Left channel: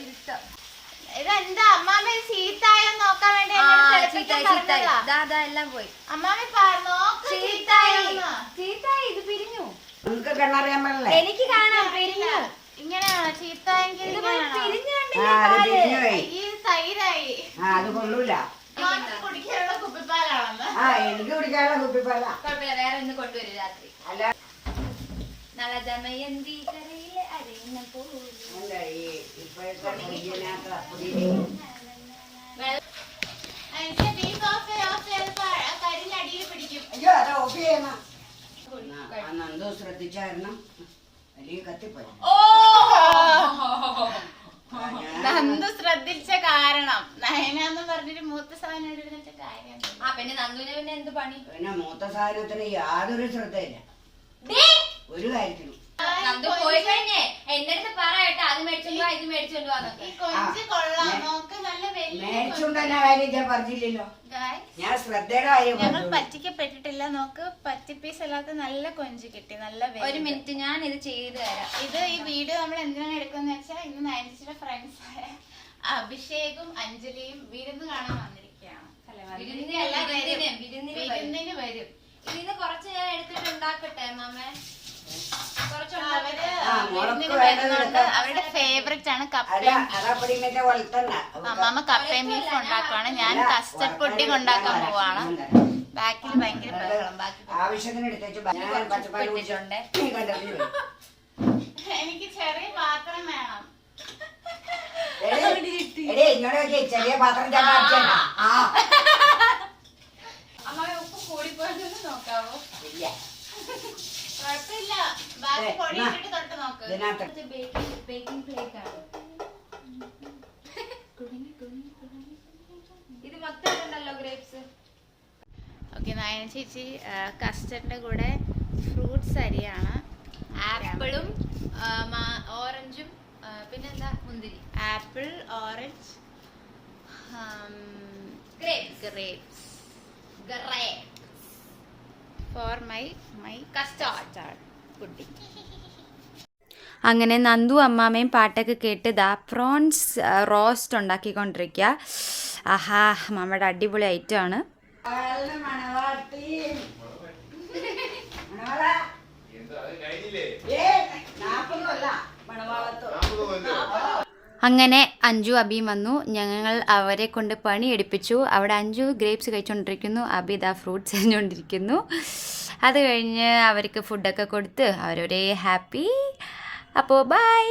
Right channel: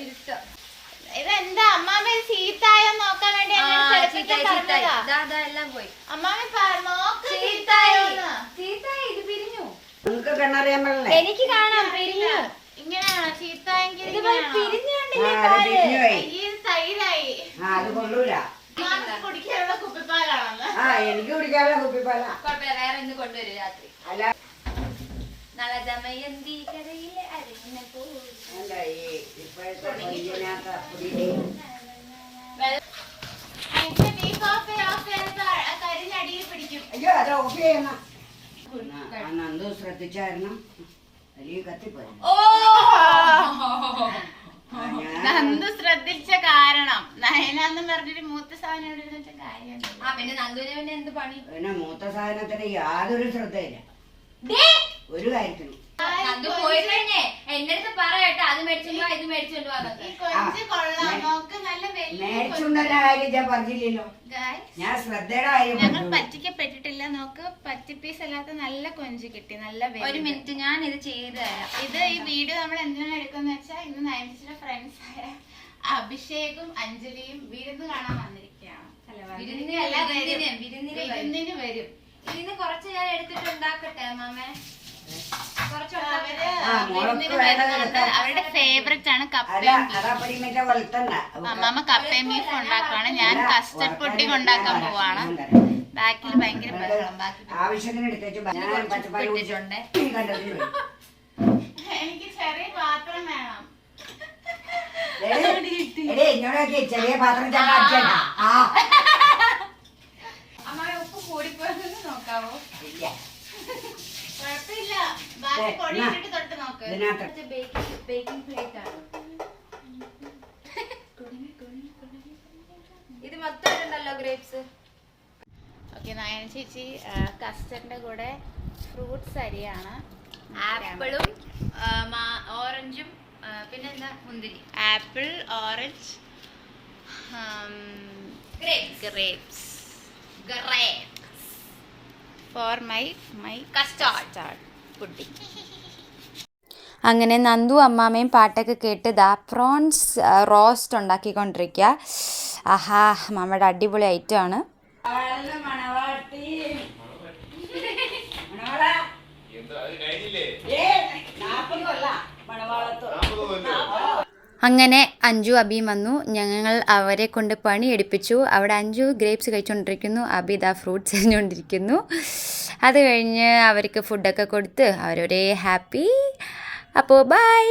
ഇരുട്ടോ. ഇതെന്താ അമ്മാമ്മ ചീത്തായോ നോക്കാൻ വേണ്ടി എല്ലാം പോയി. ചീത്തായി ഇത് പിരിഞ്ഞു. എനിക്ക് കാണാം പിരിഞ്ഞു. ഇങ്ങനെയാണോ ചീത്തായെങ്കിൽ? സൈഡായി. അത് കൊള്ളൂല. കുടിക്കാനുള്ള കുപ്പിപ്പാലാണെന്ന്. എനിക്ക് കുടിക്കാനുള്ള കുപ്പിപ്പാല. വേറെ ഇന്ന് കൊണ്ടുവരും രാത്രി. അല്ല നവദമയന്തി കരയിലെ അരങ്ങിന പോലെ. കരിഞ്ഞടിയിൽ പിടിക്കും. അയ്യോ അത് ഓഫ് ചെയ്യണ. നന്ദു ശ്രദ്ധിച്ചായിരുന്നു. വലിയ കത്തിപ്പോയി. നന്ദു ശ്രദ്ധിച്ച കാരണം നയനാന്ന് പറഞ്ഞൊരു മൂത്ത സാധനം എടുത്ത കാര്യം. പിന്നെ നന്ദുവിന് പിന്നെ എന്ത് പണി? പിന്നെ മൂത്ത സാധനത്തിന് യാതൊരു ശ്രദ്ധയില്ല ഒരു കാര്യത്തിനും. നന്ദു പോയി കഴിഞ്ഞേ എന്റെ അടുത്ത് പറയട്ടെ അത് മേടിച്ചോണ്ടോ ഇത് മേടിച്ചോണ്ടോ. മേടിച്ചുകൊണ്ടുവന്ന കാര്യം ഞാൻ പറഞ്ഞില്ലല്ലോ. ഞാൻ ശ്രദ്ധയുടെ കാര്യം. ഞങ്ങൾ പറ്റിക്കപ്പെട്ടിട്ടില്ല. നോക്ക് പറ്റിപ്പീസ് അല്ലാത്ത നല്ല കൊഞ്ച് കിട്ടി. നല്ല. ഒരു മിനിറ്റ് ഞാൻ ഇത് ചെയ്തു തരാം. ഇത് ഈ വീഡിയോ നമ്മൾ എന്തിനാണ് എടുക്കുന്ന വെച്ചാൽ ഇന്ന് നയൻസിന്റെ ഫ്രണ്ട്സ് ആയ അഭിഷേകും അഞ്ജലിയും വിരുന്ന് കാണാൻ വന്നിരിക്കുകയാണ്. വിരുന്നിന് വരും. ഇതിന് കുറച്ച് ഞാൻ എടുത്തിട്ട് ഉണ്ടാക്കട്ടെ മാമേ. അവരുടെ ഫേവറേറ്റ് ആണ് കപ്പയും അമ്മാമ്മ കപ്പയും ബീഫ് ഉണ്ടാക്കുവാണ്. ഞാൻ കസ്റ്റർഡ് പുഡിംഗ് ഉണ്ടാക്കാൻ പോവാണ്. ബാക്കിൽ ഭയങ്കര ബഹളം. എനിക്ക് ചെറിയ പാത്രം വേണം. ചെറിയ പാത്രം അമ്മ ഉപ്പ് കൂടിപ്പോയെന്ന് നോക്കാവോ? ഇല്ല കുഴപ്പമില്ല. ബാക്കി പൊടിയിട്ടിട്ട് തൊട്ട് നോക്ക്. ബേക്കിംഗ് പ്ലേറ്റ് ആണ് ഇത്. മൊത്തം ഉണ്ടല്ലോ ഗ്രേപ്സ്. ഓക്കെ നായന ചേച്ചി കസ്റ്റർഡിന്റെ കൂടെ ഫ്രൂട്ട്സ് അരിയാണ്. ആപ്പിളും ഓറഞ്ചും പിന്നെന്താ മുന്തിരി. Apple orange grapes for my custard pudding. അങ്ങനെ നന്ദു അമ്മാമ്മയും പാട്ടൊക്കെ കേട്ട് ദാ പ്രോൺസ് റോസ്റ്റ് ഉണ്ടാക്കിക്കൊണ്ടിരിക്കുക. ആഹാ നമ്മുടെ അടിപൊളി ഐറ്റമാണ്. അങ്ങനെ അഞ്ജു അബിയും വന്നു. ഞങ്ങൾ അവരെ കൊണ്ട് പണി എടുപ്പിച്ചു. അവിടെ അഞ്ജു ഗ്രേപ്സ് കഴിച്ചുകൊണ്ടിരിക്കുന്നു, അബി ദാ ഫ്രൂട്ട്സ് എറിഞ്ഞുകൊണ്ടിരിക്കുന്നു. അത് കഴിഞ്ഞ് അവർക്ക് ഫുഡൊക്കെ കൊടുത്ത് അവരൊരേ ഹാപ്പി. അപ്പോൾ ബൈ.